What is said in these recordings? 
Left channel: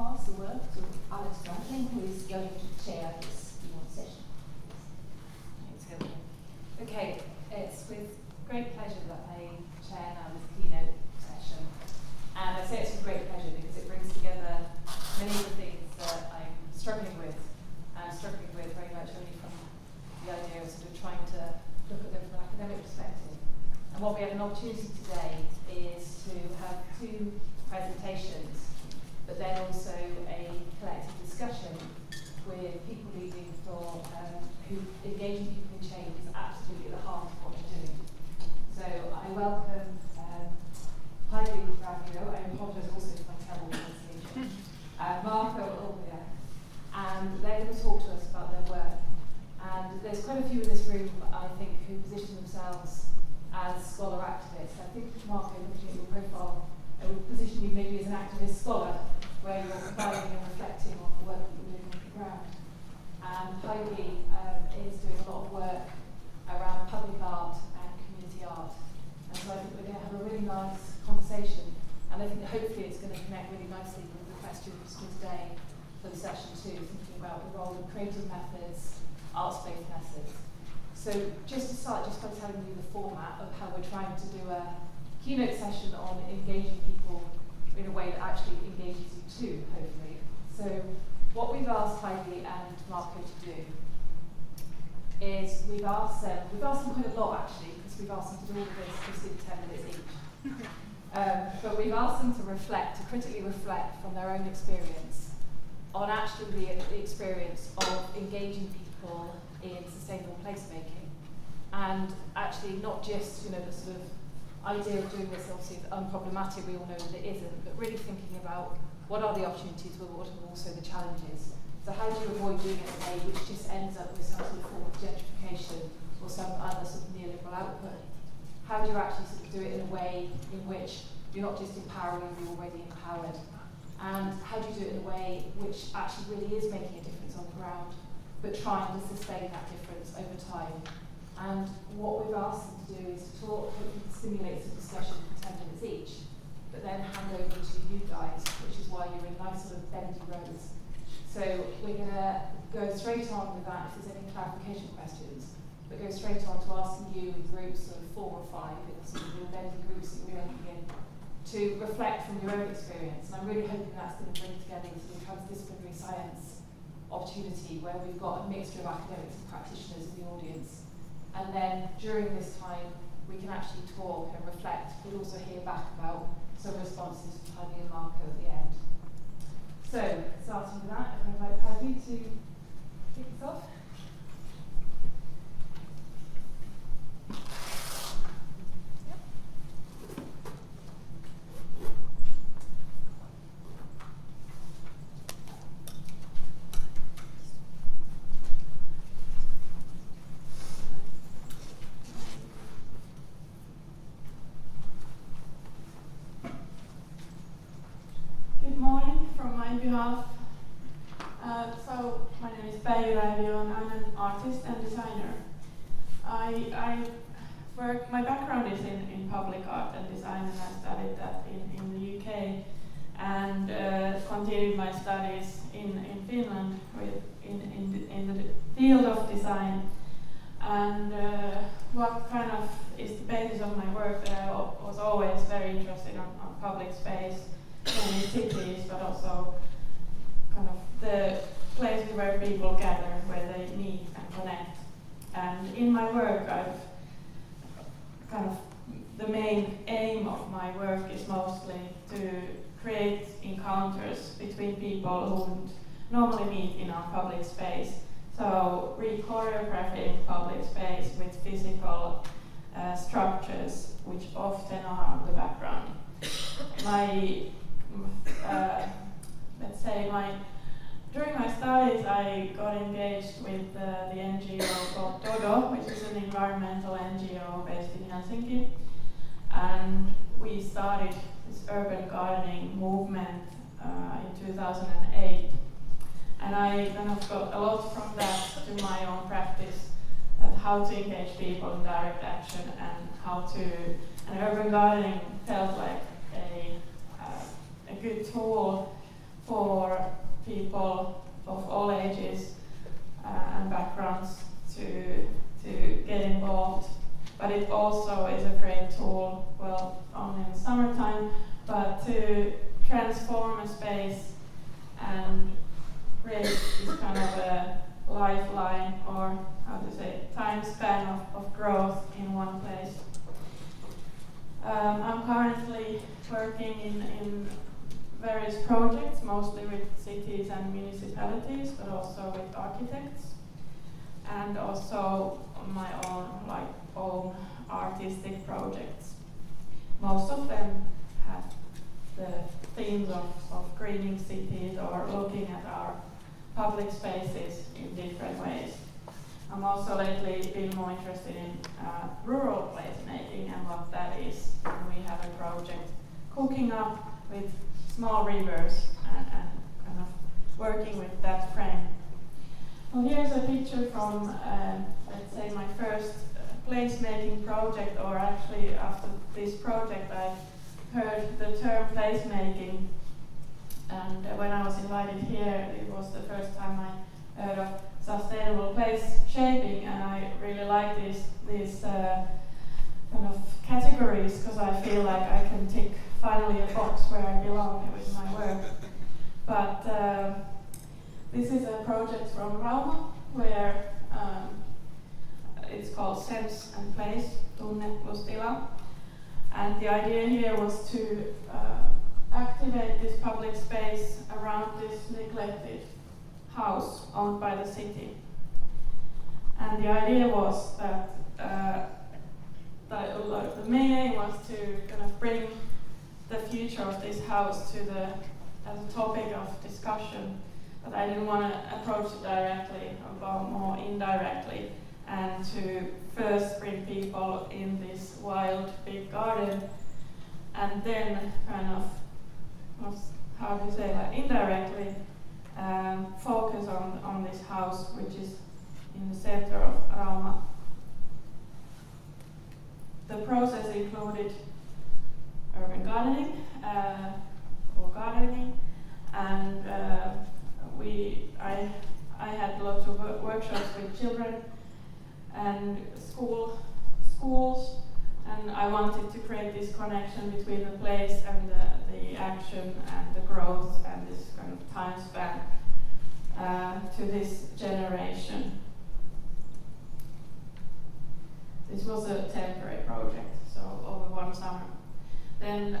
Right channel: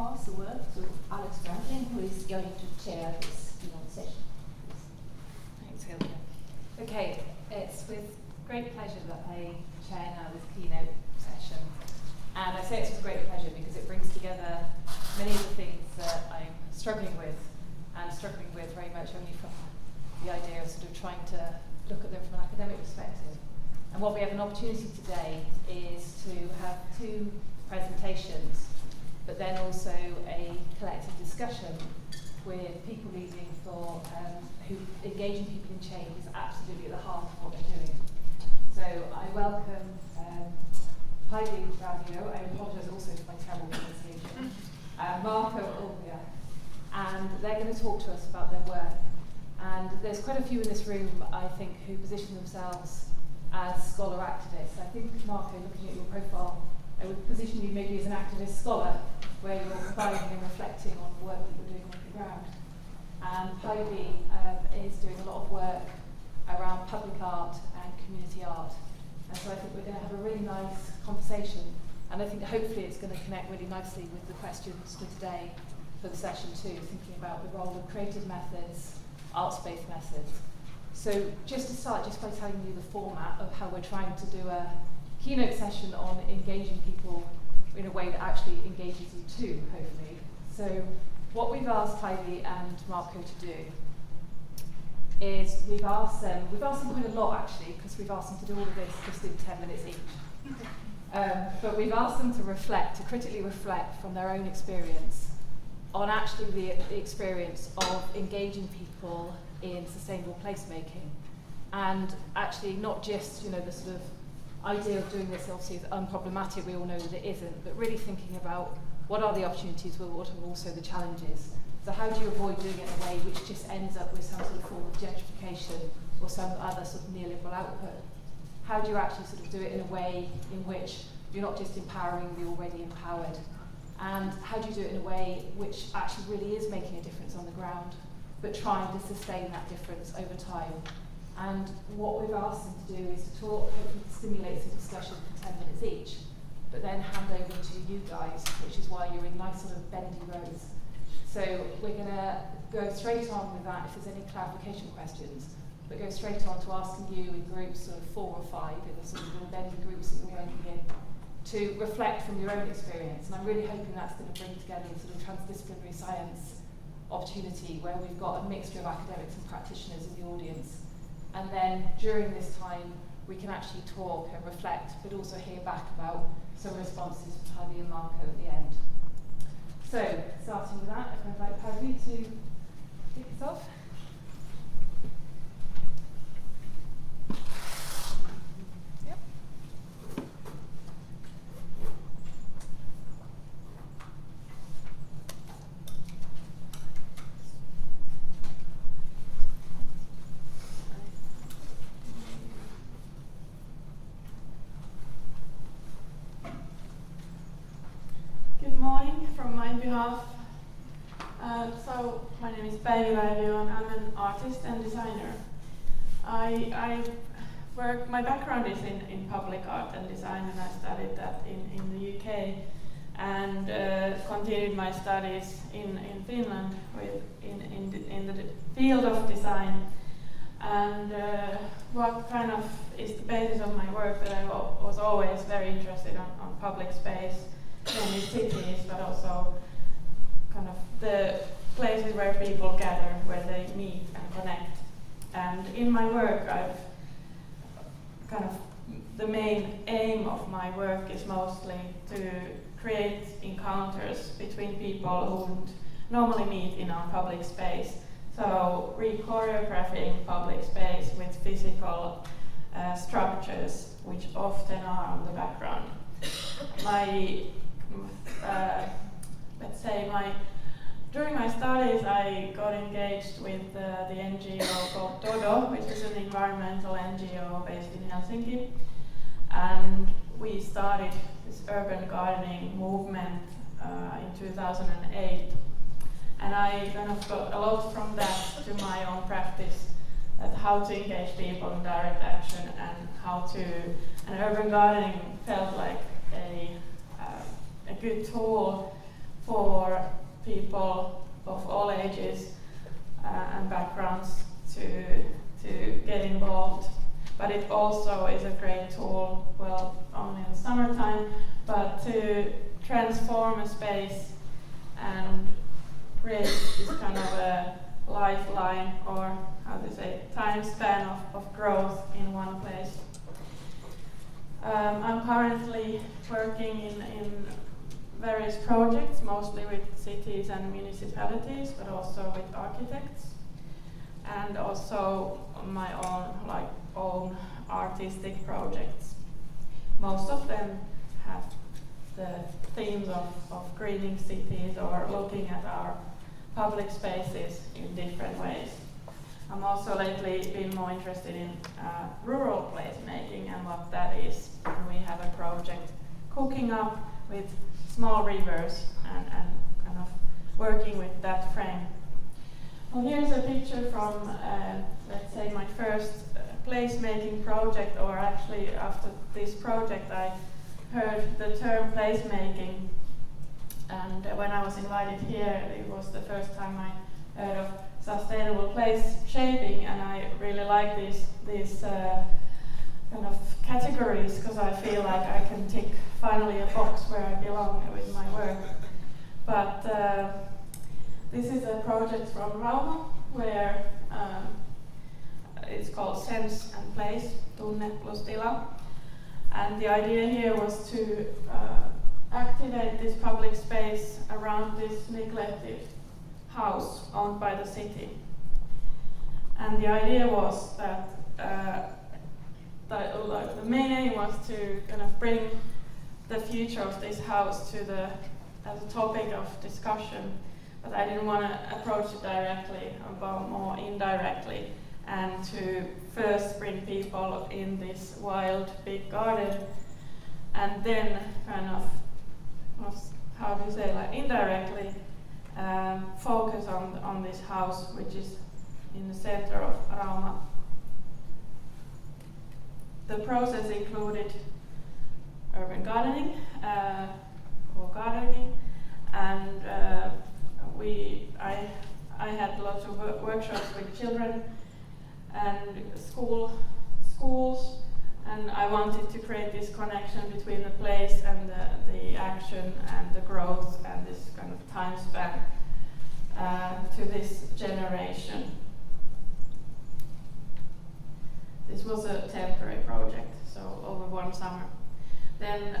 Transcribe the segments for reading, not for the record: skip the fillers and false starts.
pass the word to Alex Franklin, who is going to chair this keynote session. Thanks, Hilda. Okay, it's with great pleasure that I chair now this keynote session. And I say it's with great pleasure because it brings together many of the things that I'm struggling with, and struggling with very much only from the idea of sort of trying to look at them from an academic perspective. And what we have an opportunity today is to have two presentations, but then also a collective discussion with people leading for who engaging people in change is absolutely at the heart of what they're doing. So I welcome Päivi, Raivio, I apologise also for my terrible pronunciation, Marko, Ulvila, and they're going to talk to us about their work. And there's quite a few in this room, I think, who position themselves as scholar activists. I think, Marko, looking at your profile, I would position you maybe as an activist scholar, where you're providing and reflecting on the work that you're doing on the ground. And Päivi is doing a lot of work around public art and community art. And so I think we're going to have a really nice conversation. And I think that hopefully it's going to connect really nicely with the questions for today, for the session too, thinking about the role of creative methods, arts-based methods. So just to start, just by telling you the format of how we're trying to do a keynote session on engaging people in a way that actually engages you too, hopefully. So what we've asked Päivi and Marko to do is we've asked them quite a lot actually, because we've asked them to do all of this just in 10 minutes each. But we've asked them to critically reflect from their own experience on actually the experience of engaging people in sustainable placemaking. And actually not just, the sort of idea of doing this obviously is unproblematic, we all know that it isn't, but really thinking about what are the opportunities, but what are also the challenges. So how do you avoid doing it in a way which just ends up with some sort of form of gentrification or some other sort of neoliberal output? How do you actually sort of do it in a way in which you're not just empowering the already empowered? And how do you do it in a way which actually really is making a difference on the ground, but trying to sustain that difference over time? And what we've asked them to do is to talk, hopefully stimulate some discussion for 10 minutes each, but then hand over to you guys, which is why you're in nice sort of bendy rows. So we're going to go straight on with that if there's any clarification questions, but go straight on to asking you in groups of 4 or 5, in the sort of bendy groups that we're working in, to reflect from your own experience. And I'm really hoping that's going to bring together a sort of transdisciplinary science opportunity where we've got a mixture of academics and practitioners in the audience. And then during this time, we can actually talk and reflect, but also hear back about some responses from Päivi and Marko at the end. So, starting with that, if I'd like Päivi to kick us off. Good morning from my behalf. So my name is Päivi Raivio and I'm an artist and designer. My background is in public art and design, and I studied that in the UK and continued my studies in Finland in the field of design. And what kind of is the basis of my work, that I was always very interested on public space, mainly cities, but also kind of the places where people gather, where they meet and connect. And in my work, the main aim of my work is mostly to create encounters between people who wouldn't normally meet in our public space. So re-choreographing public space with physical structures, which often are on the background. During my studies, I got engaged with the NGO called Dodo, which is an environmental NGO based in Helsinki. And we started this urban gardening movement in 2008. And I kind of got a lot from that to my own practice, at how to engage people in direct action and urban gardening felt like a good tool for people of all ages and backgrounds to get involved. But it also is a great tool, well, only in the summertime, but to transform a space and create this kind of a lifeline, or how to say, time span of growth in one place. I'm currently working in various projects, mostly with cities and municipalities, but also with architects, and also my own artistic projects. Most of them have the themes of greening cities or looking at our public spaces in different ways. I'm also lately been more interested in rural placemaking and what that is. And we have a project cooking up with small rivers and kind of working with that frame. Well, here's a picture from, let's say, my first placemaking project, or actually after this project I heard the term placemaking, and when I was invited here it was the first time I heard of sustainable place shaping, and I really like these kind of categories, because I feel like I can tick finally a box where I belong with my work. But this is a project from Raivio where it's called Sense and Place, Tunne plus Tila. And the idea here was to activate this public space around this neglected house owned by the city. And the idea was that the main aim was to kind of bring the future of this house to as a topic of discussion, but I didn't want to approach it directly, but more indirectly, and to first bring people in this wild big garden, and then kind of, how do you say, like indirectly focus on this house, which is in the center of Rauma. The process included urban gardening, or gardening, and I had lots of workshops with children and schools, and I wanted to create this connection between the place and the action and the growth and this kind of time span to this generation. This was a temporary project, so over one summer. Then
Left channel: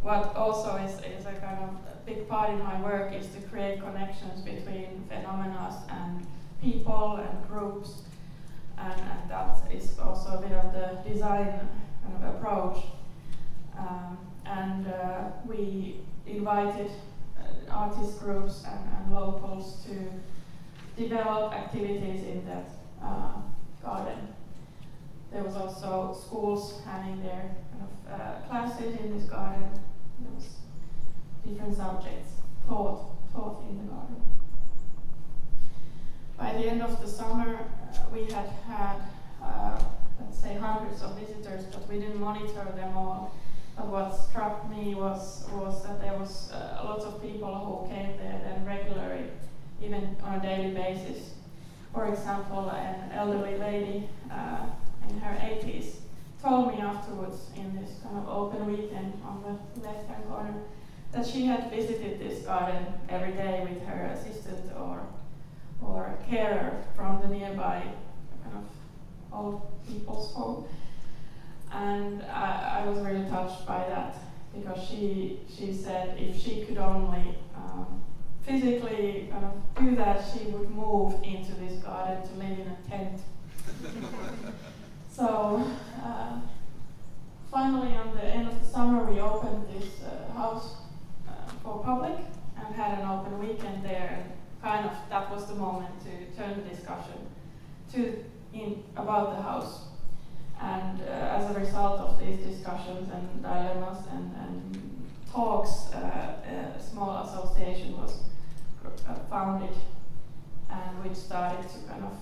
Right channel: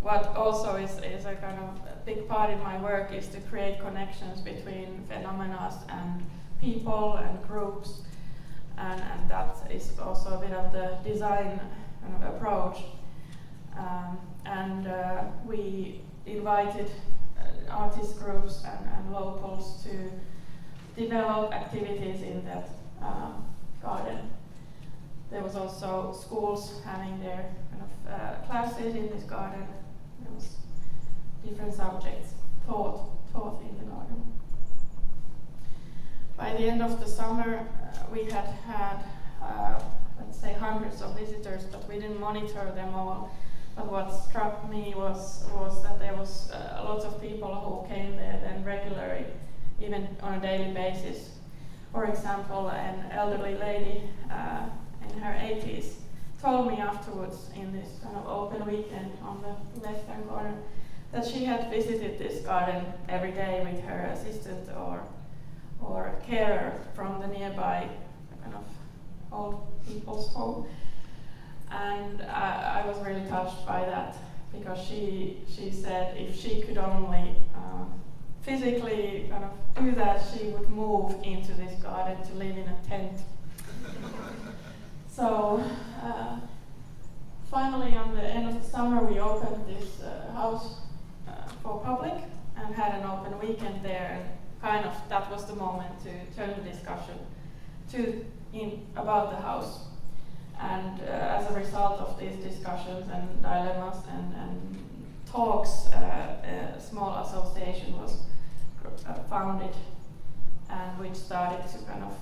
what also is a kind of a big part in my work is to create connections between phenomena and people and groups, and that is also a bit of the design kind of approach. We invited artist groups and locals to develop activities in that garden. There was also schools having their kind of classes in this garden. There was different subjects taught in the garden. By the end of the summer, we had let's say, hundreds of visitors, but we didn't monitor them all. But what struck me was that there was a lot of people who came there then regularly, even on a daily basis. For example, an elderly lady in her 80s told me afterwards in this kind of open weekend on the left-hand corner that she had visited this garden every day with her assistant or carer from the nearby kind of old people's home. And I was really touched by that, because she said if she could only physically kind of do that, she would move into this garden to live in a tent. So finally, on the end of the summer, we opened this house for public and had an open weekend there, and kind of that was the moment to turn the discussion about the house. And as a result of these discussions and dilemmas and talks, a small association was founded, and which started to kind of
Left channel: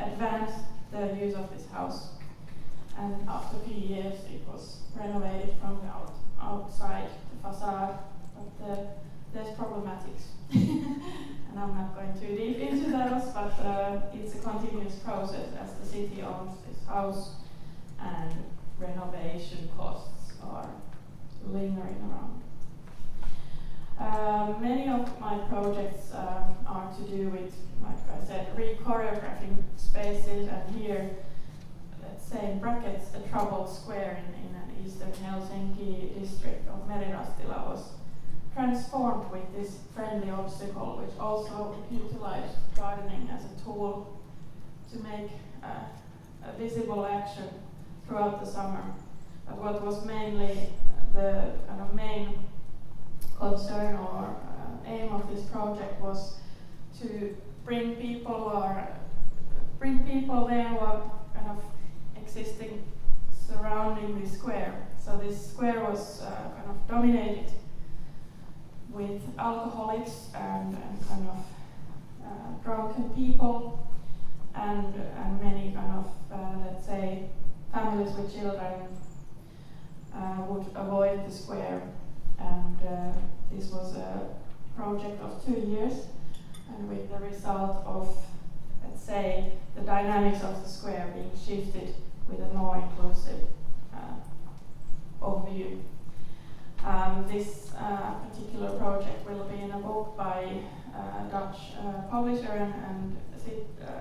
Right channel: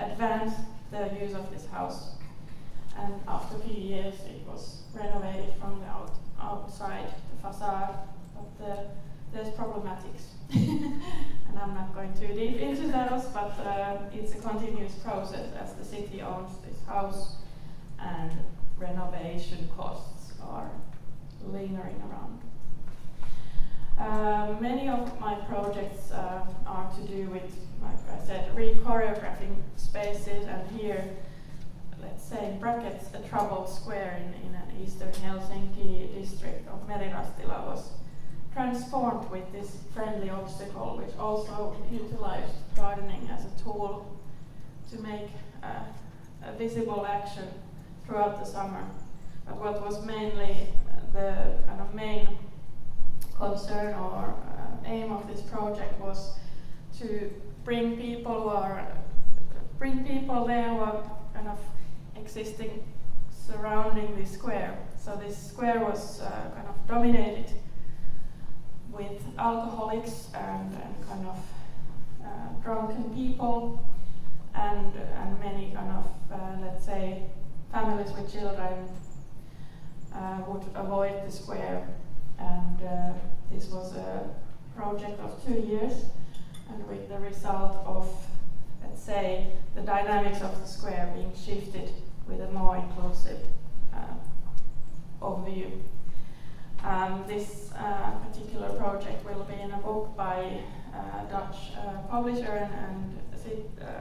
advance the views of this house. And after a few years, it was renovated from the outside the facade, but there's problematics. And I'm not going too deep into those, but it's a continuous process as the city owns this house and renovation costs are lingering around. Many of my projects are to do with, like I said, re-choreographing spaces, and here, let's say in brackets, a troubled square in an eastern Helsinki district of Merirastila was transformed with this friendly obstacle, which also utilized gardening as a tool to make a visible action throughout the summer. But what was mainly the kind of main concern or aim of this project was to bring people there who are kind of existing surrounding the square. So this square was kind of dominated with alcoholics and kind of drunken people and many kind of let's say families with children would avoid the square, and this was a project of 2 years, and with the result of, let's say, the dynamics of the square being shifted with a more inclusive overview. This particular project will be in a book by a Dutch publisher and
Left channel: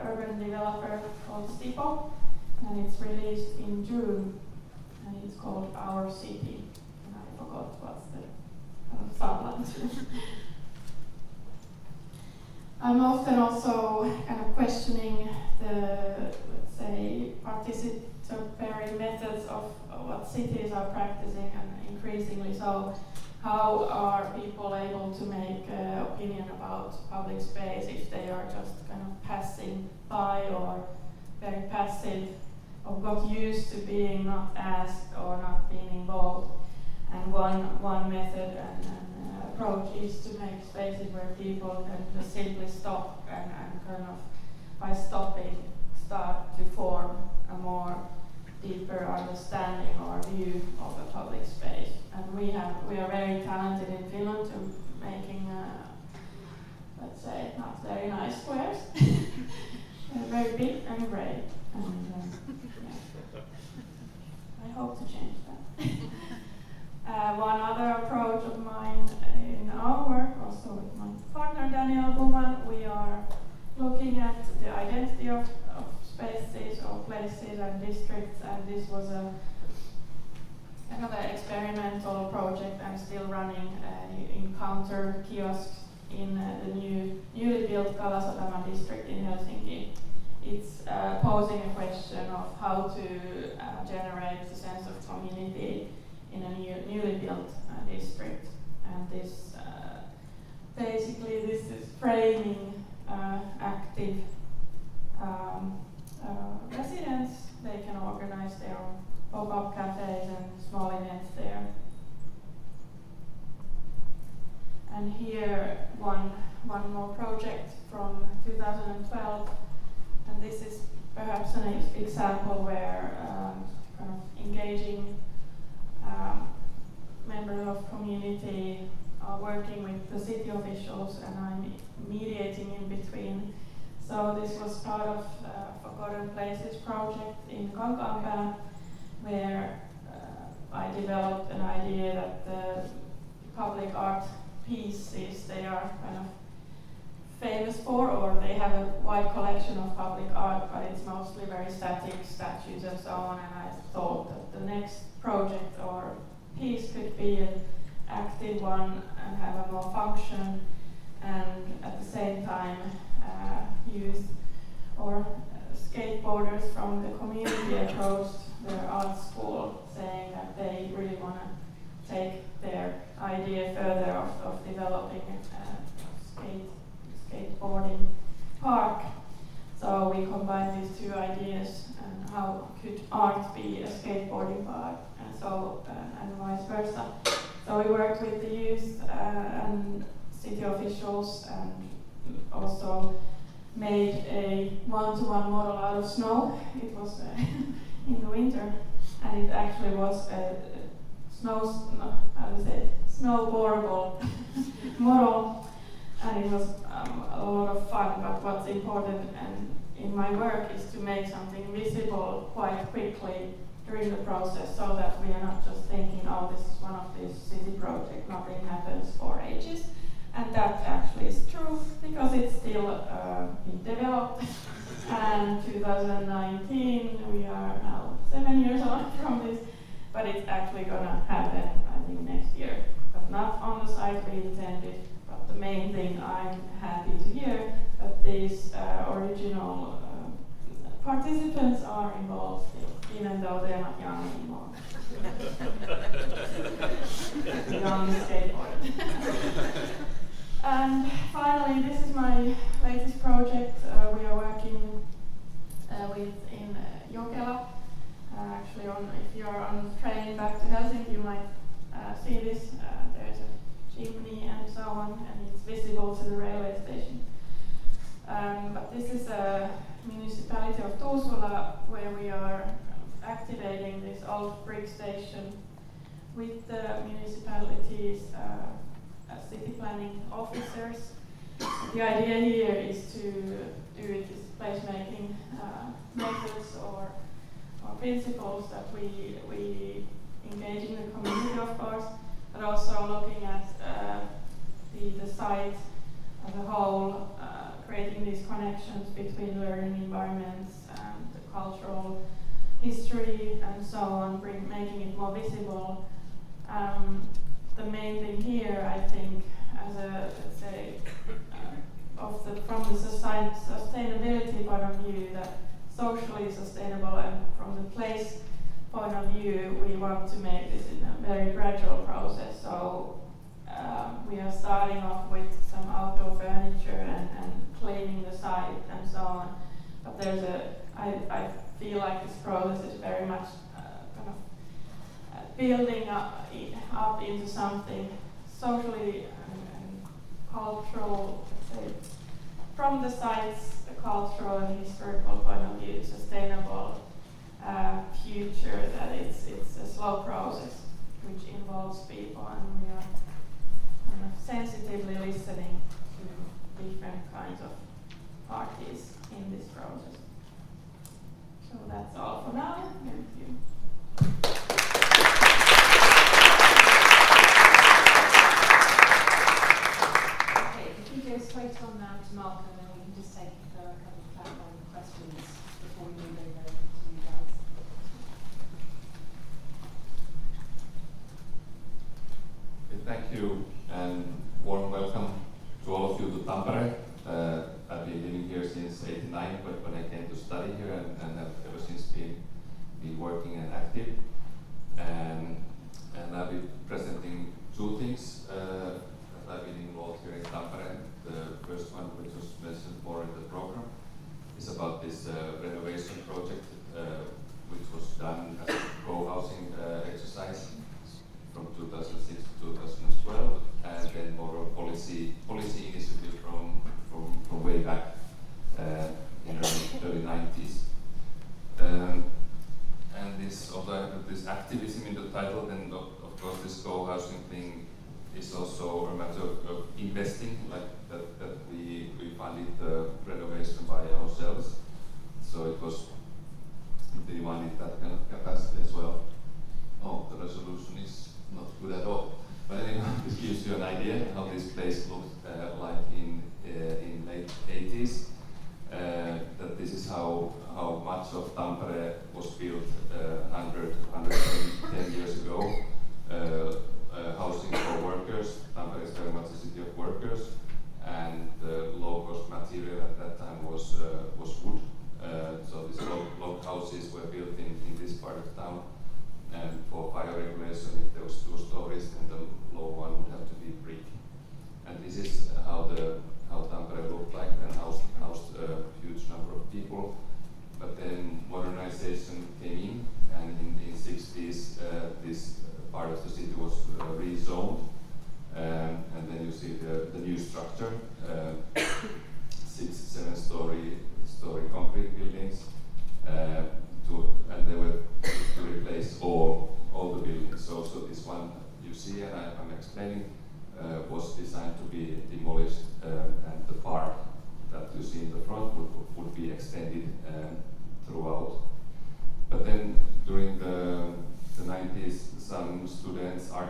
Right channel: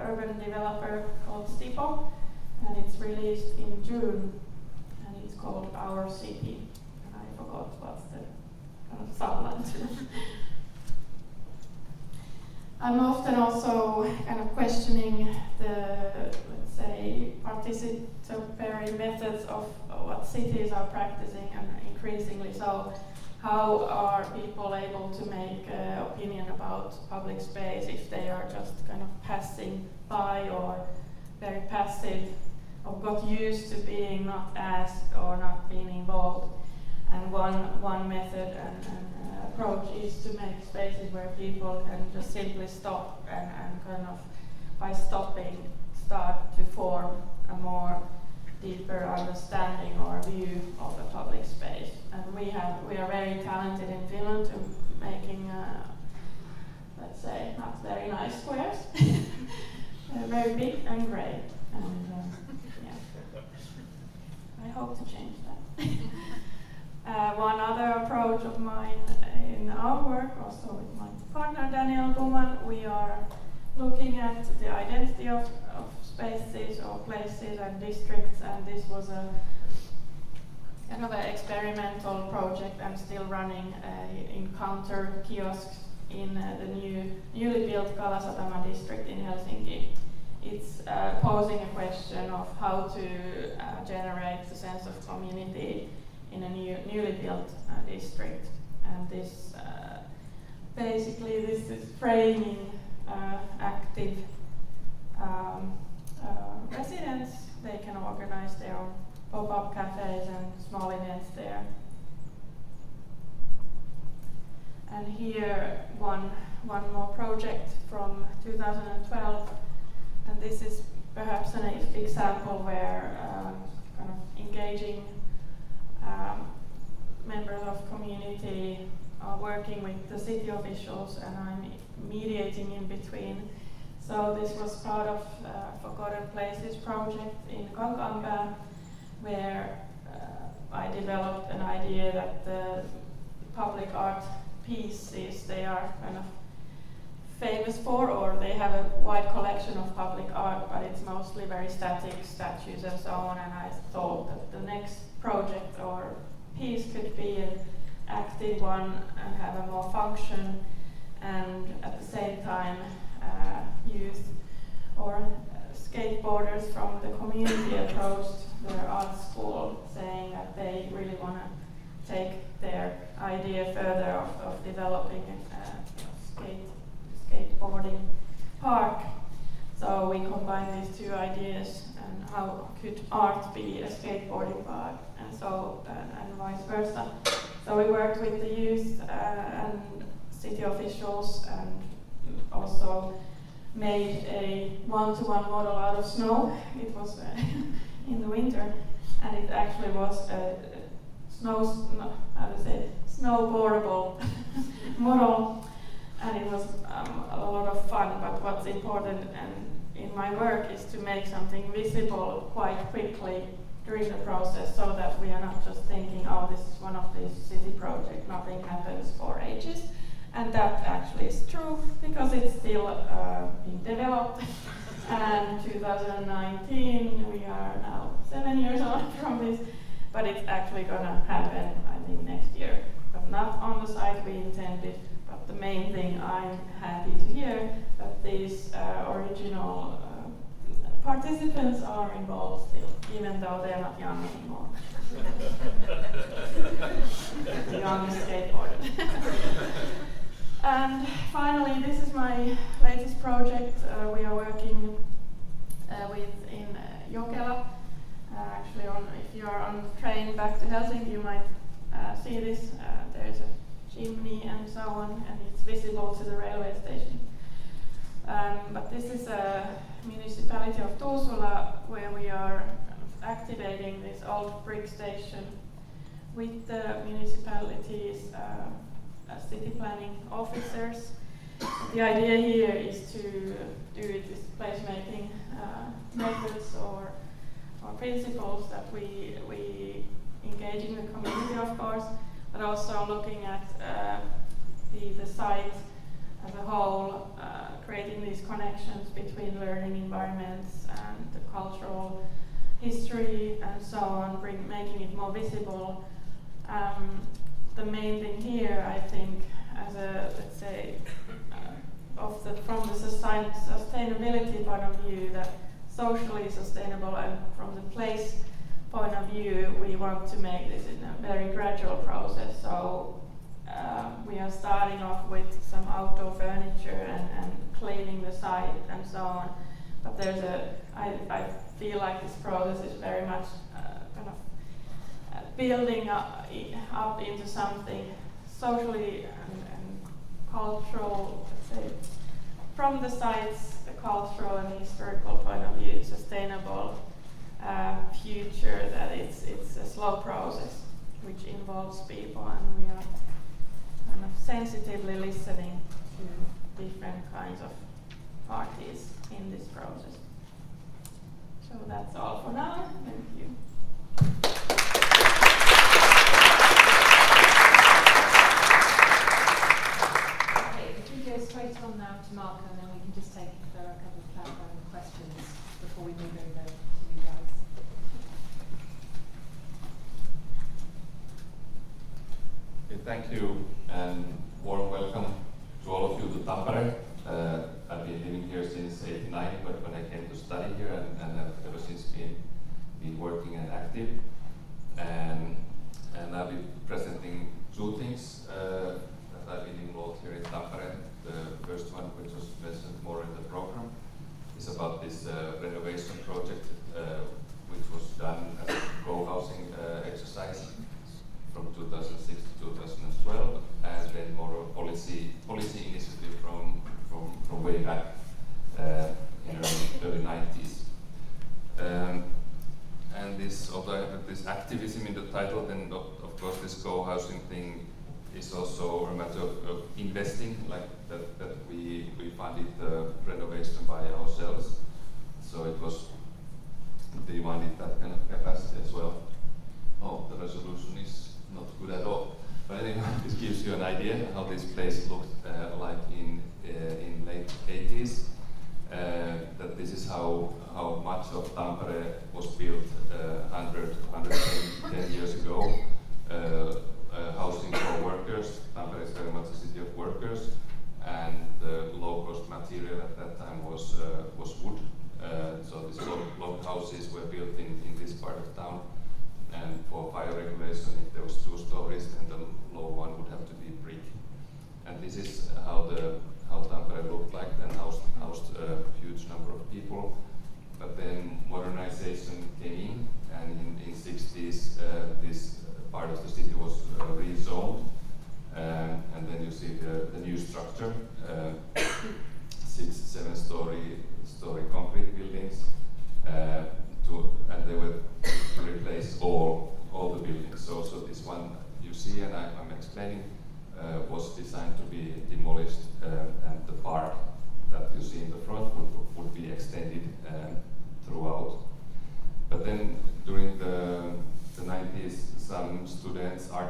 urban developer called Stipo, and it's released in June, and it's called Our City, and I forgot what's the kind of subline. I'm often also kind of questioning the, let's say, participatory methods of what cities are practicing, and increasingly so, how are people able to make opinion about public space if they are just kind of passing by or very passive, or got used to being not asked or not being involved. And one method and approach is to make spaces where people can just simply stop and kind of, by stopping, start to form a more deeper understanding or view of a public space. And we are very talented in Finland to making, let's say, not very nice squares. They're very big and grey, and yeah. I hope to change that. One other approach of mine in our work, also with my partner Daniel Guman, we are looking at the identity of spaces or places and districts, and this was a kind of an experimental project. I'm still running encounter kiosks in the newly built Kalasatama district in Helsinki. It's posing a question of how to generate a sense of community in a newly built district, and this basically this is framing active residents. They can organize their own pop-up cafes and small events there. And here one more project from 2012, and this is perhaps an example where kind of engaging members of community are working with the city officials, and I'm mediating in between. So this was part of Forgotten Places project in Kankaanpää, where I developed an idea that the public art pieces they are kind of famous for, or they have a wide collection of public art, but it's mostly very static statues and so on, and I thought that the next project or piece could be an active one and have a more function, and at the same time youth or skateboarders from the community approached their art school, saying that they really want to take their idea further of developing a skateboarding park. So we combined these two ideas, and how could art be a skateboarding park, and so and vice versa. So we worked with the youth and city officials, and also made a one-to-one model out of snow. It was in the winter, and it actually was a snowboardable model, and it was a lot of fun. But what's important in my work is to make something visible quite quickly during the process, so that we are not just thinking, oh, this is one of these city projects, nothing happens for ages. And that actually is true, because it's still being developed. And 2019, we are now 7 years on from this, but it's actually gonna happen, I think, next year. But not on the site we intended, but the main thing, I'm happy to hear that these original participants are involved still, even though they're not young anymore. Young skateboarder. And finally, this is my latest project. We are working with in Jokela. Actually, if you are on the train back to Helsinki, you might see this. There's a chimney and so on, and it's visible to the railway station. But this is a municipality of Ulvila, where we are activating this old brick station with the municipality's city planning officers. The idea here is to do this placemaking methods or principles that we engage in the community, of course, but also looking at the site as a whole, creating these connections between learning environments and the cultural history and so on, making it more visible. The main thing here, I think, as a, let's say, from the sustainability point of view, that socially sustainable, and from the place point of view, we want to make this in a very gradual process. So we are starting off with some outdoor furniture and cleaning the site and so on. But there's I feel like this process is very much kind of building up into something socially and cultural, let's say, from the site's cultural and historical point of view, sustainable future, that it's a slow process which involves people, and we are kind of sensitively listening to different kinds of parties in this process. So that's all for now. Thank you. Okay, if we go straight on now to Marko, and then we can just take a couple of clarifying questions before we move over to you guys. Okay, thank you, and warm welcome to all of you to Tampere. I've been living here since '89, but when I came to study here, and I've ever since been working and active. And I'll be presenting two things that I've been involved here in Tampere. The first one, which was mentioned more in the program, is about this renovation project, which was done as a co-housing exercise from 2006 to 2012, and then more a policy initiative from way back in early 90s. And this, although this activism in the title, then of course this co-housing thing is also a matter of investing, like that we funded the renovation by ourselves. So it was, they wanted that kind of capacity as well. Oh, the resolution is not good at all. But anyway, this gives you an idea how this place looked like in late 80s. That this is how much of Tampere was built 110 years ago. Housing for workers. Tampere is very much a city of workers, and the low-cost material at that time was wood. So these log houses were built in this part of town. And for fire regulation, if there was 2 stories, then the low one would have to be brick. And this is how Tampere looked like, and housed a huge number of people. But then modernization came in, and in 60s, this part of the city was rezoned. And then you see the new structure, 6-7 story concrete buildings. And they were to replace all the buildings. So this one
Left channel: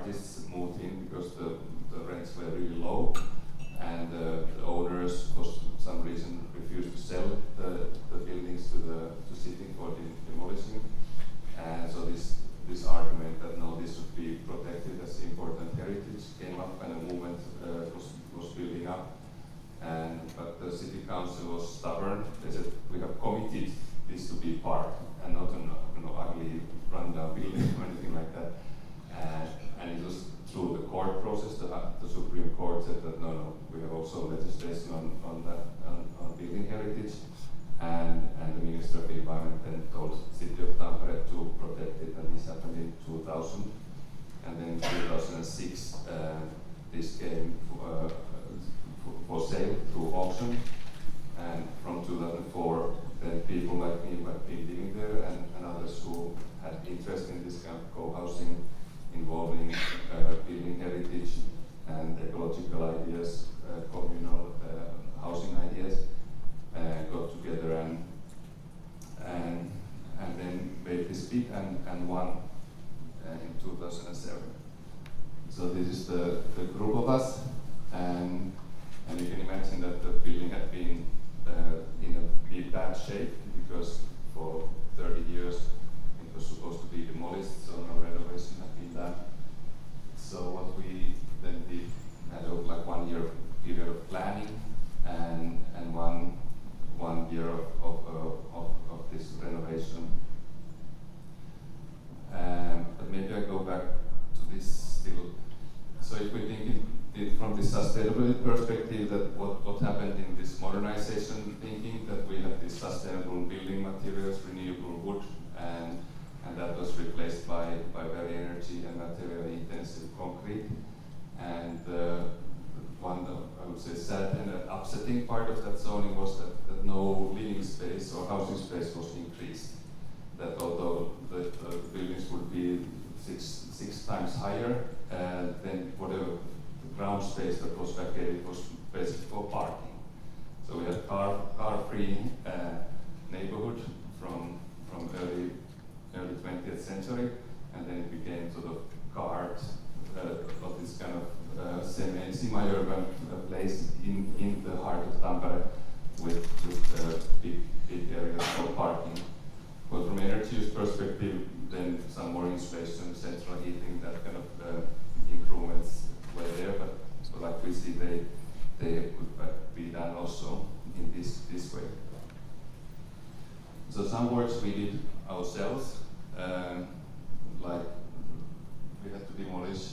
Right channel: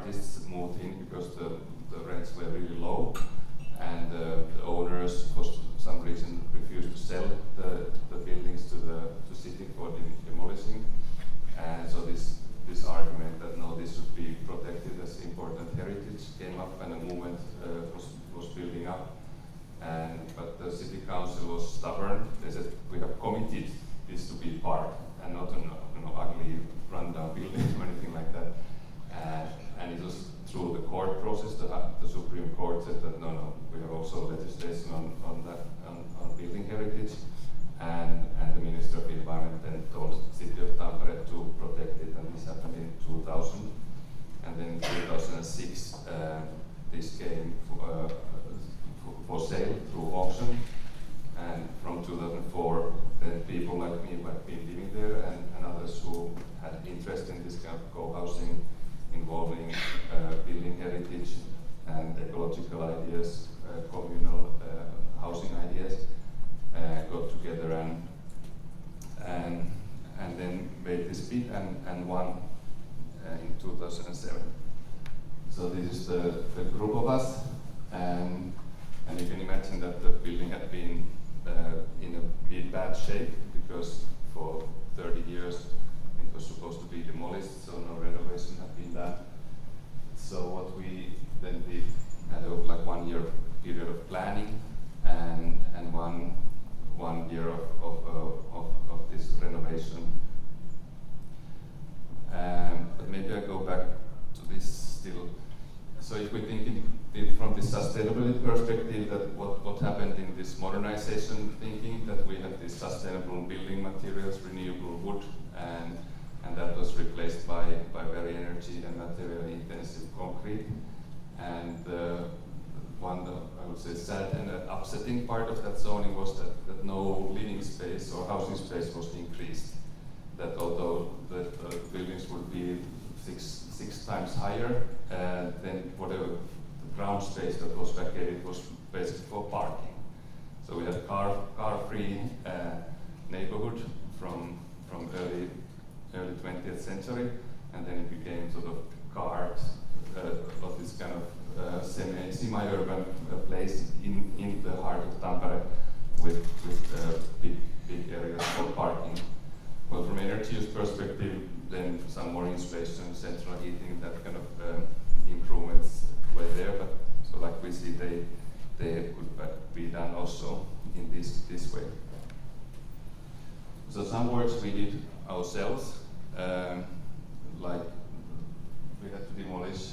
artists moved in because the rents were really low, and the owners, for some reason, refused to sell the buildings to city for demolishing. And so this argument that no, this should be protected as important heritage came up, and a movement was building up. But the city council was stubborn. They said we have committed this to be park and not an ugly rundown building or anything like that. And it was through the court process. The Supreme Court said that no, we have also legislation on building heritage. And the Minister of Environment then told the City of Tampere to protect it, and this happened in 2000. And then in 2006, this came for sale through auction. And from 2004, then people like me who had been living there and others who had interest in this kind of co-housing involving building heritage and ecological ideas, communal housing ideas, got together and then made this bid and won in 2007. So this is the group of us, and you can imagine that the building had been in a bad shape because for 30 years it was supposed to be demolished, so no renovation had been done. So what we then did had a 1 year period of planning and one year of this renovation. But maybe I go back to this still. So if we think it from the sustainability perspective, that what happened in this modernization thinking, that we had these sustainable building materials, renewable wood, and that was replaced by very energy and materially intensive concrete. And one, I would say, sad and upsetting part of that zoning was that no living space or housing space was increased. That although the buildings would be six times higher, then whatever the ground space that was vacated was basically for parking. So we had car-free neighborhood from early 20th century, and then it became sort of cars of this kind of semi-urban place in the heart of Tampere with big areas for parking. But from energy use perspective, then some more insulation, central heating, that kind of improvements were there. But so like we see, they could be done also in this way. So some works we did ourselves, like we had to demolish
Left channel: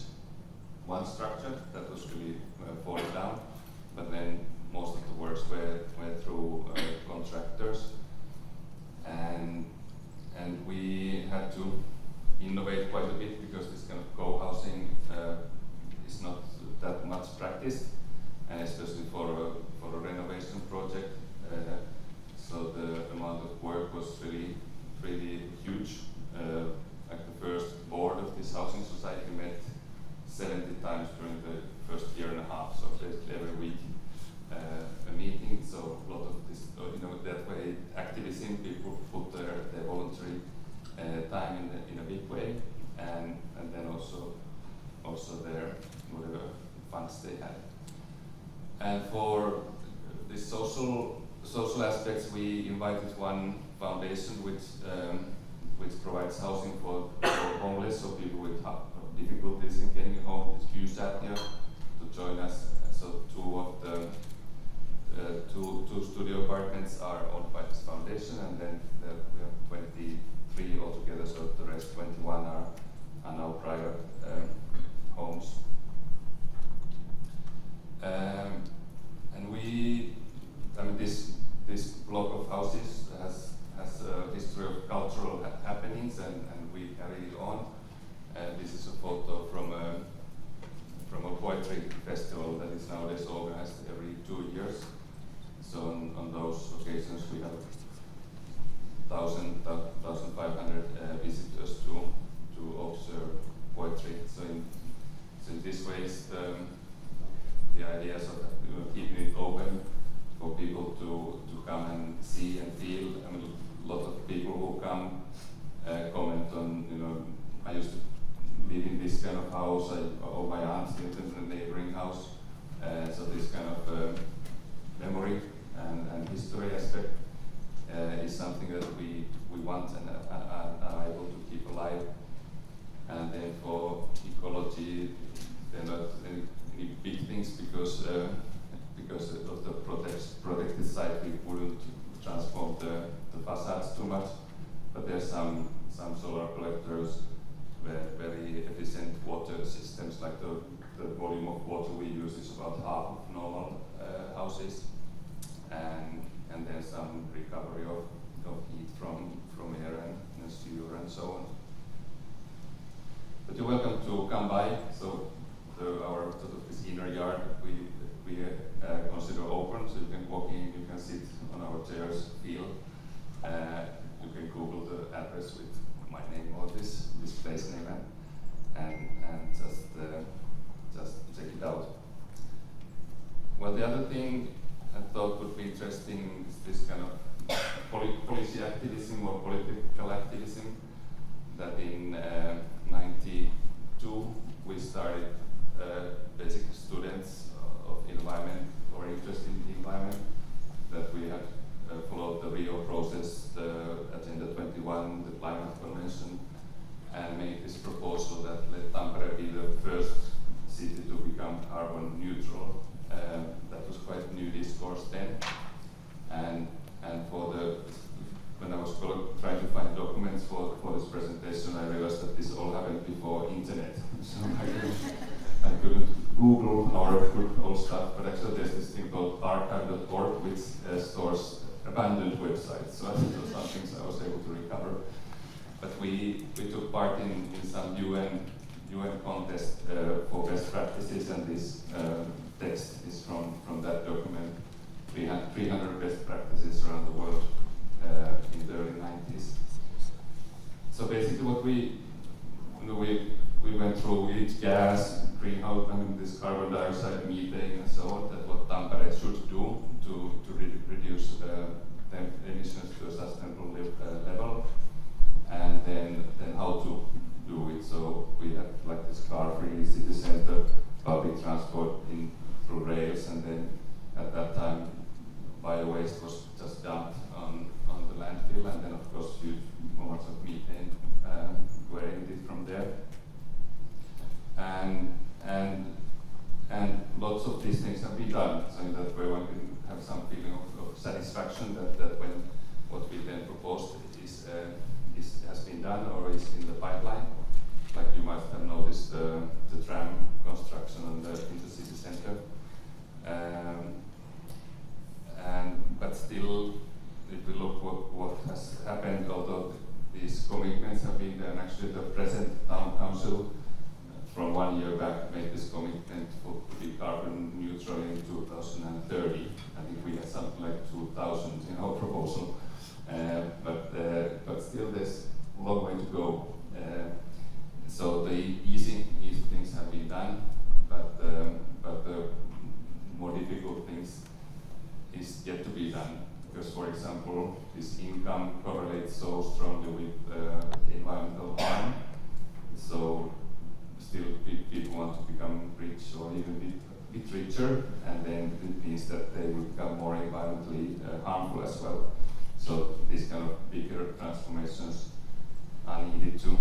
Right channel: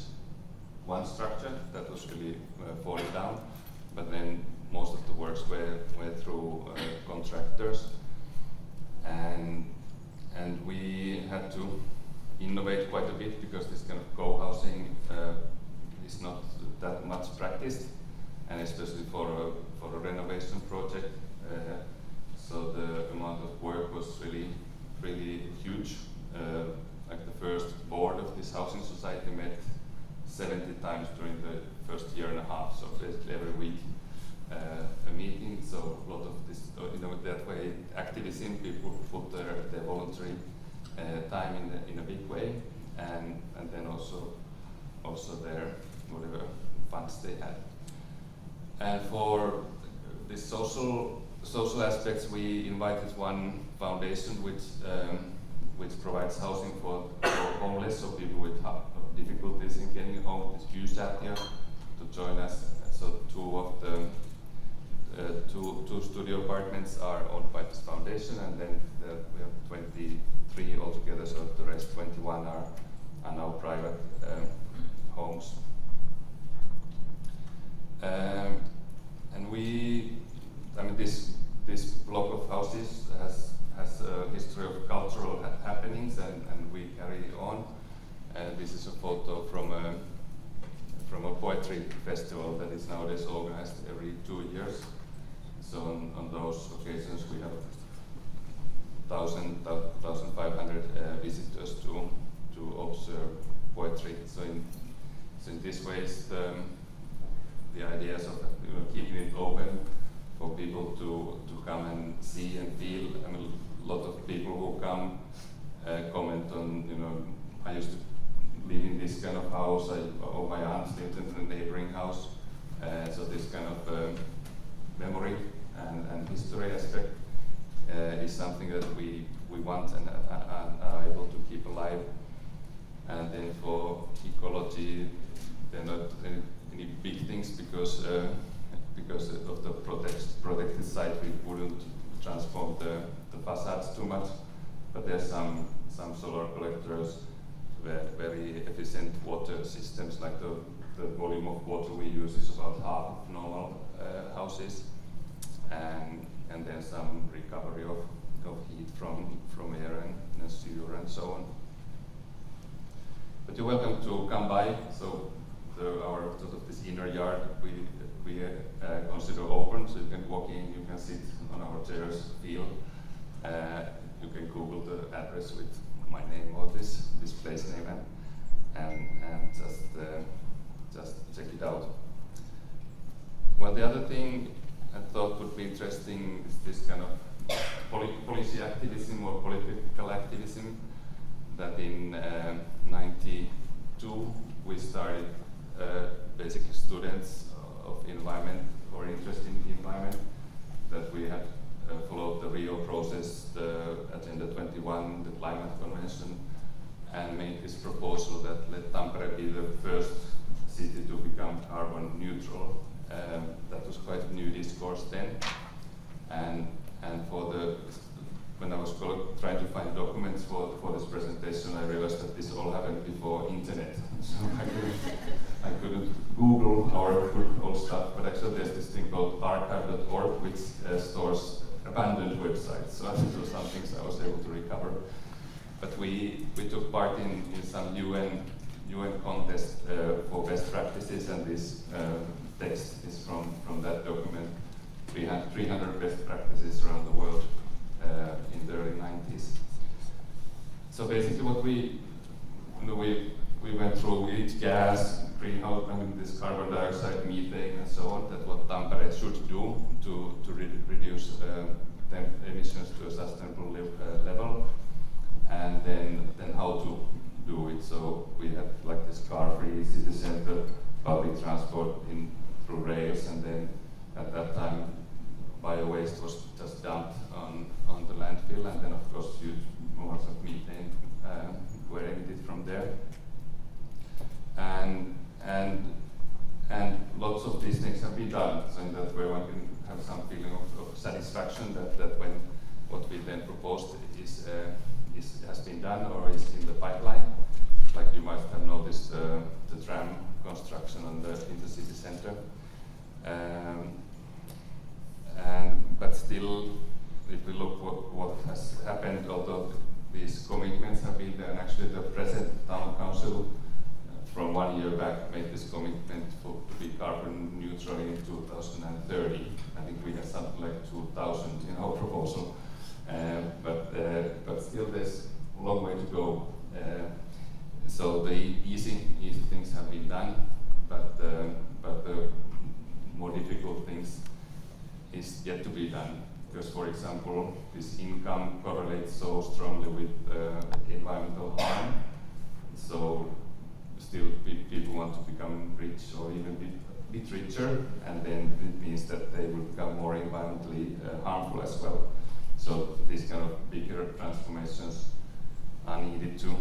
one structure that was really falling down, but then most of the works were through contractors, and we had to innovate quite a bit because this kind of co-housing is not that much practiced, and especially for a renovation project. So the amount of work was really huge. Like the first board of this housing society met 70 times during the first year and a half, so basically every week a meeting. So a lot of this, that way activism, people put their voluntary time in a big way, and then also their whatever funds they had. And for the social aspects, we invited one foundation which provides housing for homeless, so people with difficulties in getting home. It's QSAT to join us. So two studio apartments are owned by this foundation, and then we have 23 altogether. So the rest 21 are now private homes. And this block of houses has a history of cultural happenings, and we carry it on. This is a photo from a poetry festival that is nowadays organized every 2 years. So on those occasions we have 1,500 visitors to observe poetry. So in this way, the ideas of keeping it open for people to come and see and feel. I mean, a lot of people who come comment on, I used to live in this kind of house, or my aunt lived in the neighboring house. So this kind of memory and history aspect is something that we want and are able to keep alive. And then for ecology, they're not any big things because of the protected site, we wouldn't transform the facades too much. But there's some solar collectors, very efficient water systems, like the volume of water we use is about half of normal houses, and then some recovery of heat from air and sewer and so on. But you're welcome to come by. So our sort of this inner yard we consider open, so you can walk in, you can sit on our chairs, feel. You can Google the address with my name or this place name and just check it out. Well, the other thing I thought would be interesting is this kind of policy activism or political activism. That in '92 we started basic students of environment or interest in the environment, that we had followed the Rio process, the Agenda 21, the climate convention, and made this proposal that let Tampere be the first city to become carbon neutral. That was quite a new discourse then, and when I was trying to find documents for this presentation, I realized that this all happened before internet, so I couldn't Google our old stuff, but actually there's this thing called archive.org, which stores abandoned websites, so it was some things I was able to recover. But we took part in some UN contest for best practices, and this text is from that document. We had 300 best practices around the world in the early 90s. So basically what we went through each gas, greenhouse, this carbon dioxide, methane and so on, that what Tampere should do to reduce the emissions to a sustainable level, and then how to do it. So we had like this car-free city center, public transport through rails, and then at that time bio-waste was just dumped on the landfill, and then of course huge amounts of methane were emitted from there. And lots of these things have been done, so in that way one can have some feeling of satisfaction that when what we then proposed has been done or is in the pipeline. Like you might have noticed the tram construction on the intercity center. But still, if we look what has happened, although these commitments have been there, and actually the present town council from 1 year back made this commitment to be carbon neutral in 2030. I think we had something like 2000 in our proposal, but still there's a long way to go. So the easy things have been done, but the more difficult things is yet to be done. Because, for example, this income correlates so strongly with environmental harm. So still people want to become rich or even a bit richer, and then it means that they will become more environmentally harmful as well. So these kind of bigger transformations are needed to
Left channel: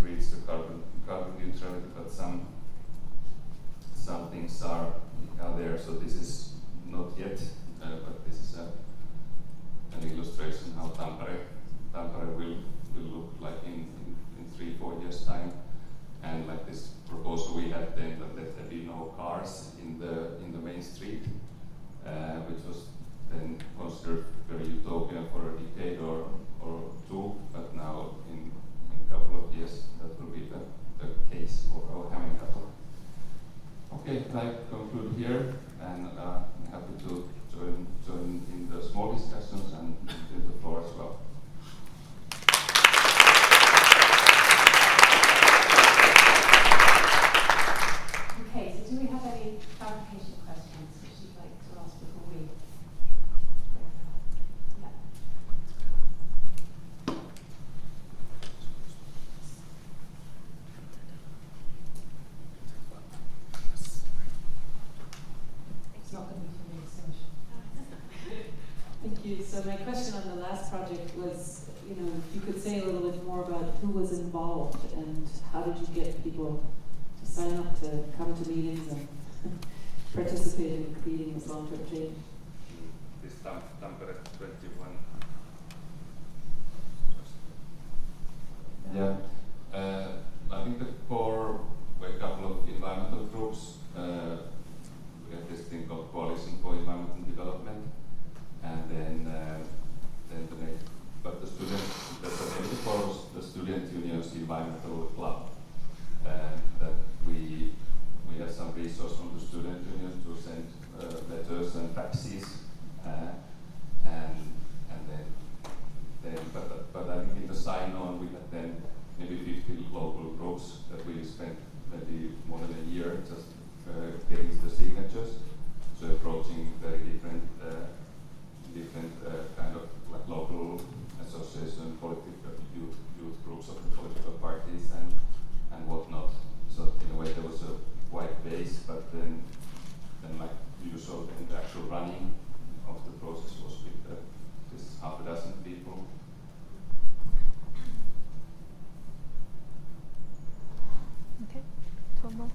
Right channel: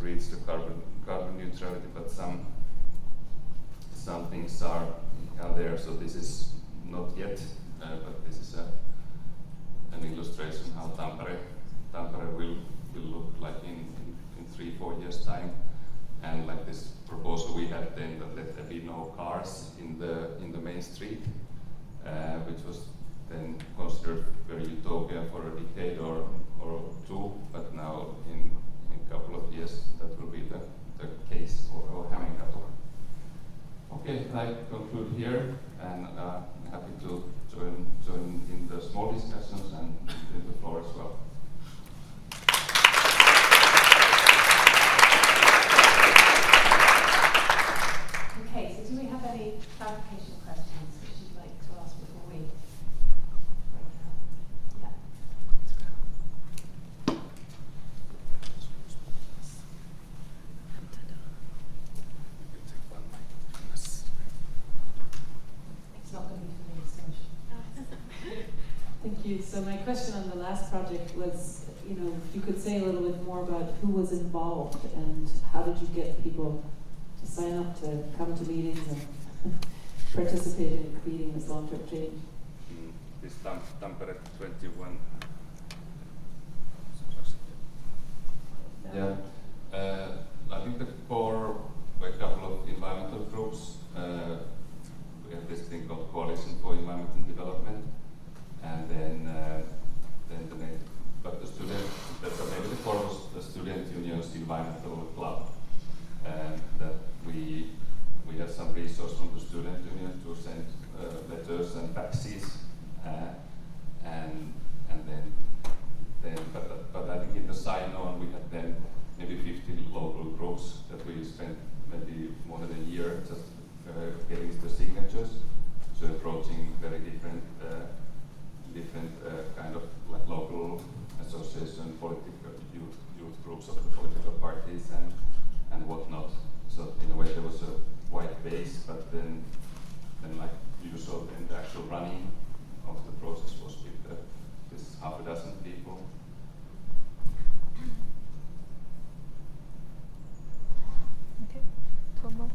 reach the carbon neutrality, but some things are there. So this is not yet, but this is an illustration how Tampere will look like in 3-4 years time. And like this proposal we had then, that let there be no cars in the main street, which was then considered very utopian for a decade or two, but now in a couple of years that will be the case for Hämeenkatu. Okay, I conclude here, and I'm happy to join in the small discussions and in the floor as well. Okay, so do we have any clarification questions which you'd like to ask before we? Yeah. on the last project was, you know, if you could say a little bit more about who was involved and how did you get people to sign up to come to meetings and participate in creating this long-term change. This Tampere 21. Yeah, I think the core were a couple of environmental groups. We have this thing called Coalition for Environmental Development, and then but the maybe the core was the Student Union's Environmental Club, that we had some resource from the Student Union to send letters and faxes, and then but I think in the sign-on we had then maybe 50 local groups that we spent maybe more than a year just getting the signatures, so approaching very different kind of like local association, political youth groups of the political parties and whatnot. So in a way there was a wide base, but then like usual, then the actual running of the process was with this half a dozen people. Okay, Tomo.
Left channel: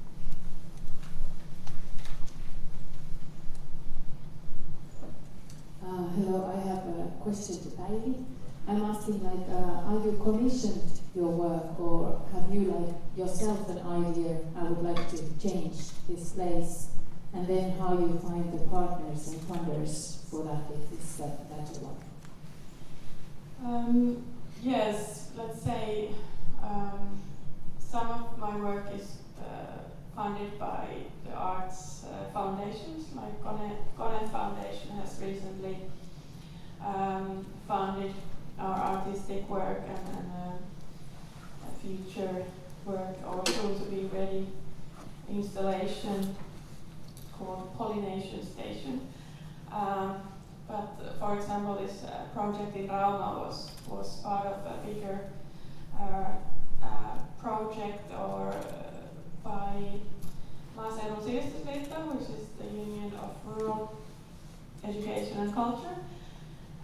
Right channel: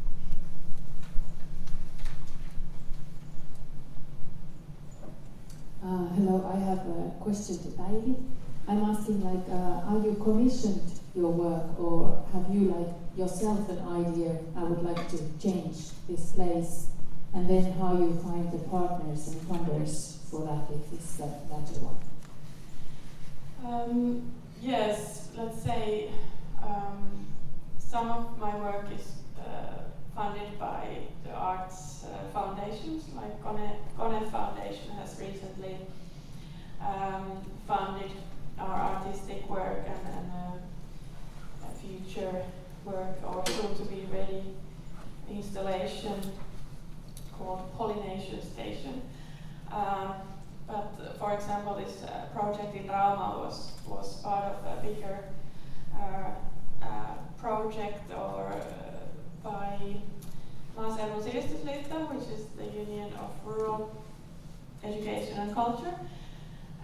Hello, I have a question to Päivi. I'm asking, like, are you commissioned your work, or have you, like, yourself an idea, I would like to change this place, and then how you find the partners and funders for that, if it's that latter one? Yes, let's say some of my work is funded by the arts foundations, like Kone Foundation has recently funded our artistic work and a future work, or soon to be ready installation called Pollination Station. But for example, this project in Rauma was part of a bigger project by Maaseudun Sivistysliitto, which is the Union of Rural Education and Culture,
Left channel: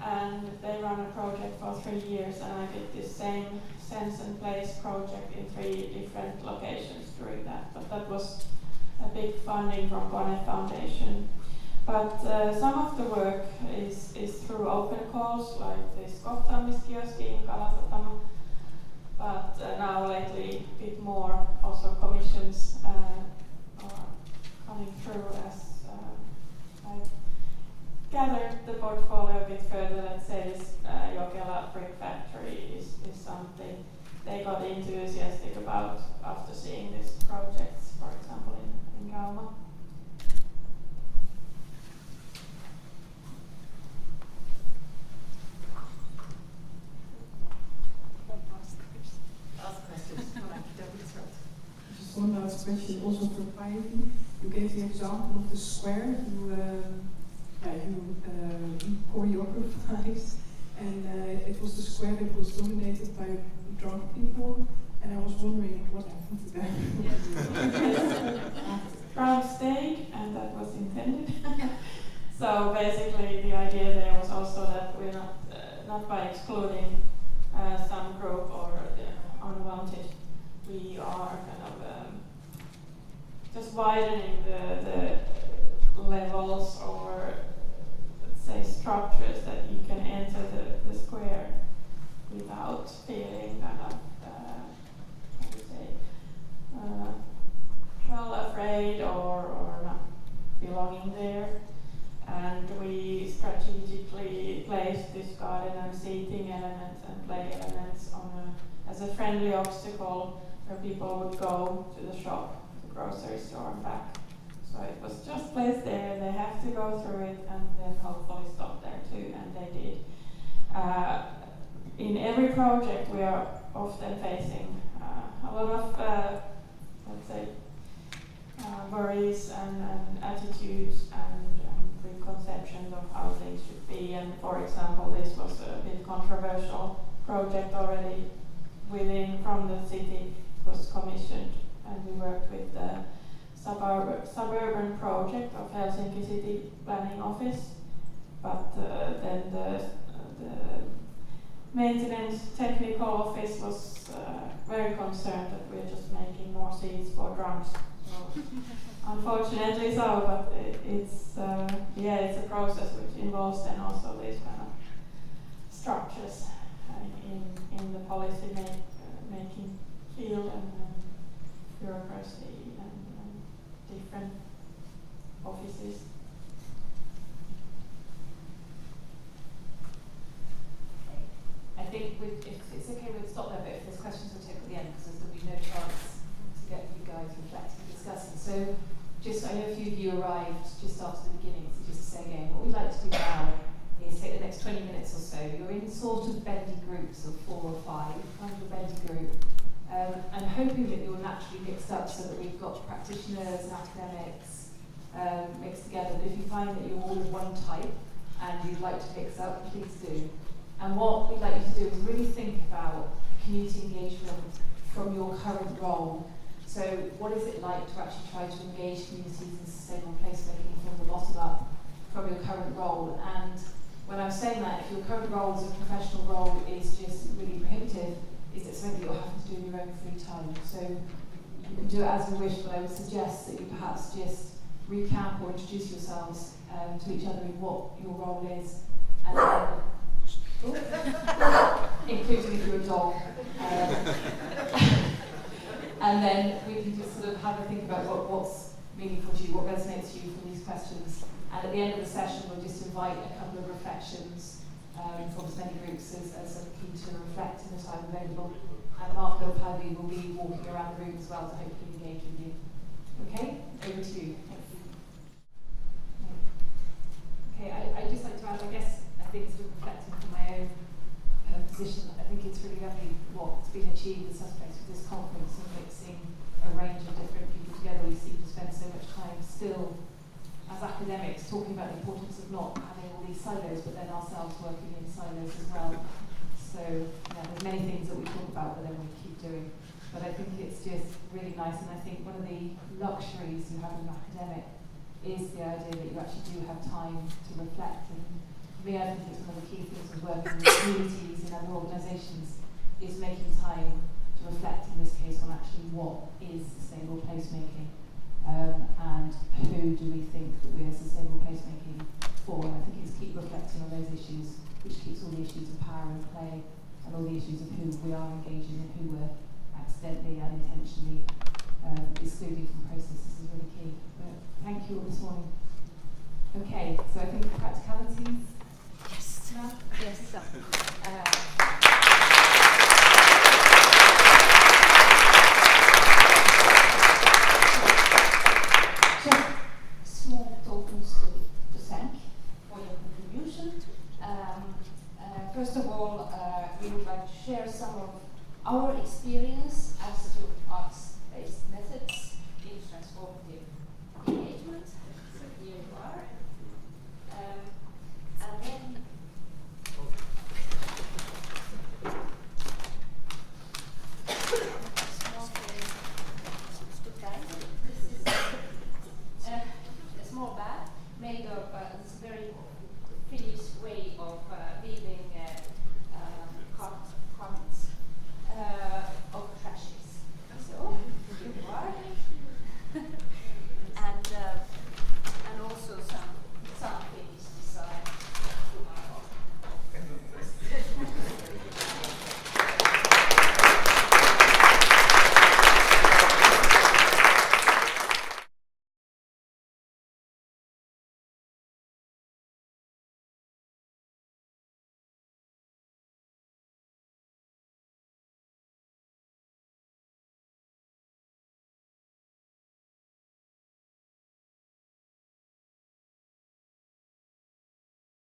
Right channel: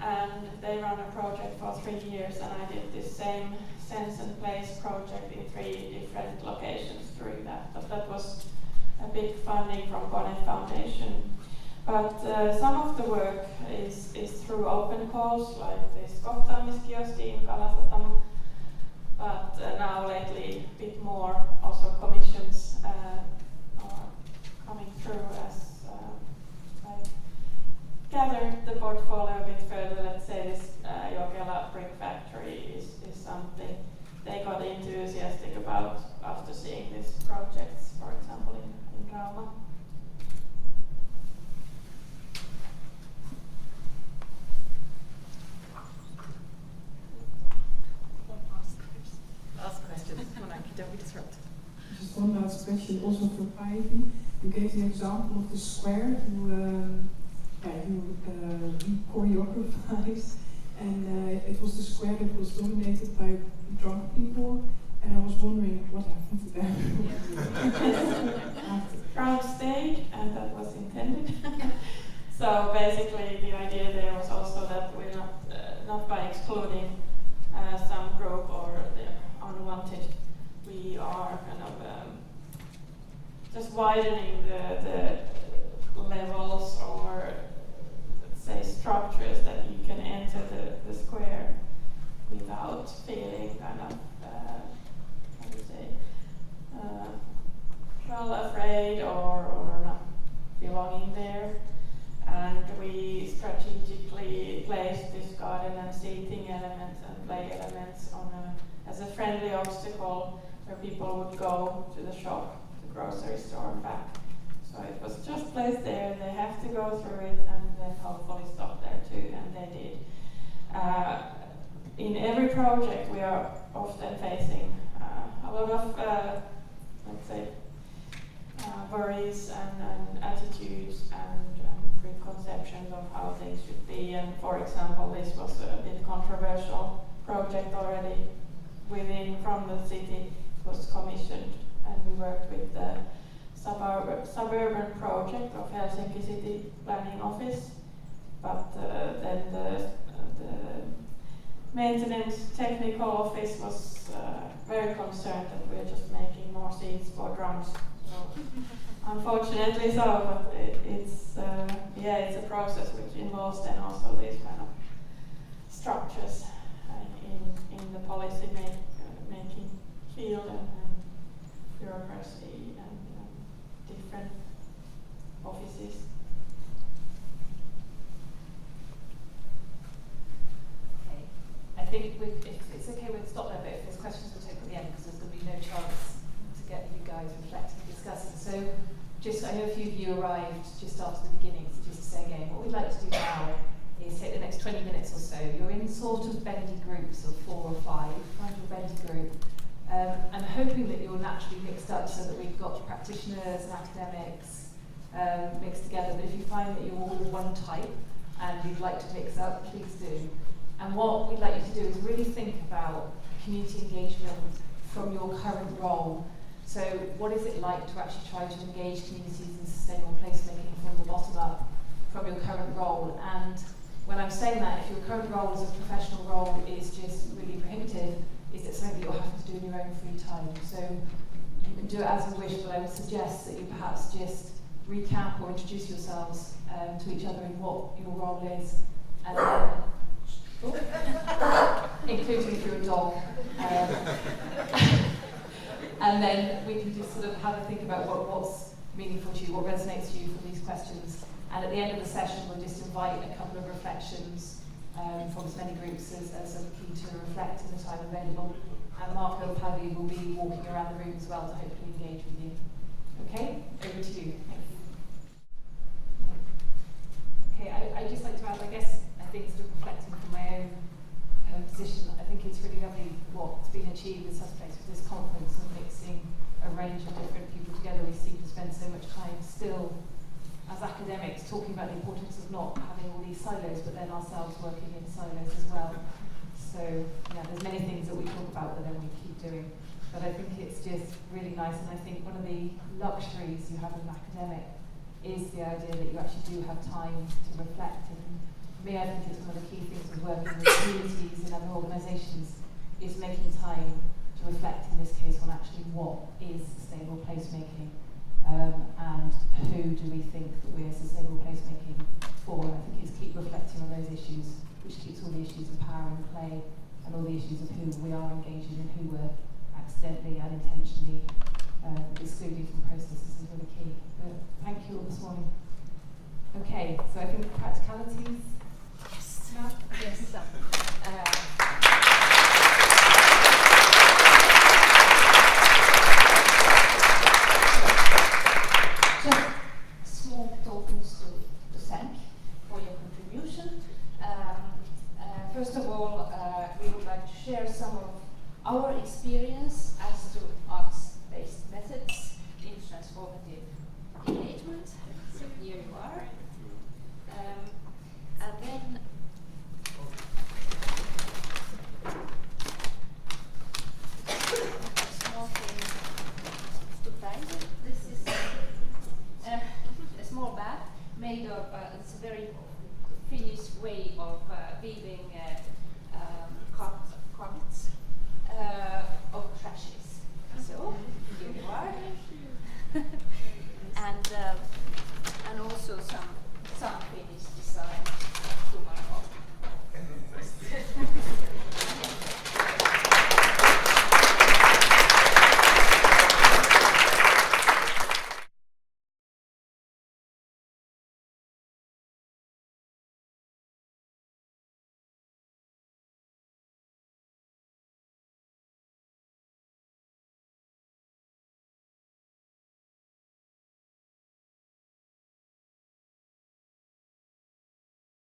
and they run a project for 3 years, and I did this same Sense and Place project in 3 different locations during that. But that was a big funding from Kone Foundation. But some of the work is through open calls, like this kohtaamiskioski in Kalasatama. But now lately, a bit more also commissions are coming through as I gathered the portfolio a bit further. Let's say this Jokela brick factory is something they got enthusiastic about after seeing these projects, for example, in Rauma. Ask questions when I don't disrupt. Just one last question, also for Päivi. You gave the example of the square who choreographies, and it was the square that was dominated by drunk people, and I was wondering what happened to them. Crowd stayed, and that was intended. So basically, the idea there was also that we're not by excluding some group or unwanted, we are kind of just widening the levels, or let's say structures that you can enter the square without feeling kind of how to say well afraid or not belonging there. And we strategically placed this garden and seating elements and play elements as a friendly obstacle where people would go to the shop, the grocery store and back. So it was just placed there, they have to go through it and then hopefully stop there too, and they did. In every project we are often facing a lot of, let's say, worries and attitudes and preconceptions of how things should be. And for example, this was a bit controversial project already from the city. It was commissioned, and we worked with the suburban project of Helsinki City Planning Office. But then the maintenance technical office was very concerned that we're just making more seats for drums. So, unfortunately so, but it's a process which involves then also these kind of structures in the policy making field and bureaucracy and different offices. Okay. I think if it's okay, we'll stop there, but if there's questions, we'll take at the end because there's going to be no chance to get you guys reflecting and discussing. So, I know a few of you arrived just after the beginning, so just to say again, what we'd like to do now is take the next 20 minutes or so. You're in sort of bendy groups of 4 or 5, kind of a bendy group. And hoping that you're naturally mixed up so that we've got practitioners and academics mixed together. But if you find that you're all one type and you'd like to mix up, please do. And what we'd like you to do is really think about community engagement from your current role. So what is it like to actually try to engage communities in sustainable placemaking from the bottom up, from your current role? And when I'm saying that, if your current role as a professional role is just really prohibitive, is it something that you're having to do in your own free time? So you can do it as you wish, but I would suggest that you perhaps just recap or introduce yourselves to each other in what your role is, and then, including if you're a dog. And then we can just sort of have a think about what's meaningful to you, what resonates to you from these questions. And at the end of the session, we'll just invite a couple of reflections from as many groups as are keen to reflect in the time available. And Marko and Päivi will be walking around the room as well to hopefully engage with you. Okay? Over to you. Thank you. Okay, I'd just like to add, I think sort of reflecting from my own position, I think it's really lovely what's been achieved with Suspects with this conference and mixing a range of different people together. We seem to spend so much time still as academics talking about the importance of not having all these silos, but then ourselves working in silos as well. So there's many things that we talk about that then we keep doing. But I think it's just really nice, and I think one of the luxuries you have as an academic is the idea that you actually do have time to reflect. And for me, I think it's one of the key things of working with communities and other organisations is making time to reflect, in this case, on actually what is sustainable placemaking. And who do we think that we're sustainable placemaking for? And I think it's keep reflecting on those issues, which keeps all the issues of power and play and all the issues of who we are engaging and who we're accidentally and intentionally excluding from processes is really key. But thank you all this morning. Okay, so I think practicalities. Yes. No? Yes. Just small tokens to thank for your contribution. First of all, we would like to share some of our experience as to arts-based methods in transformative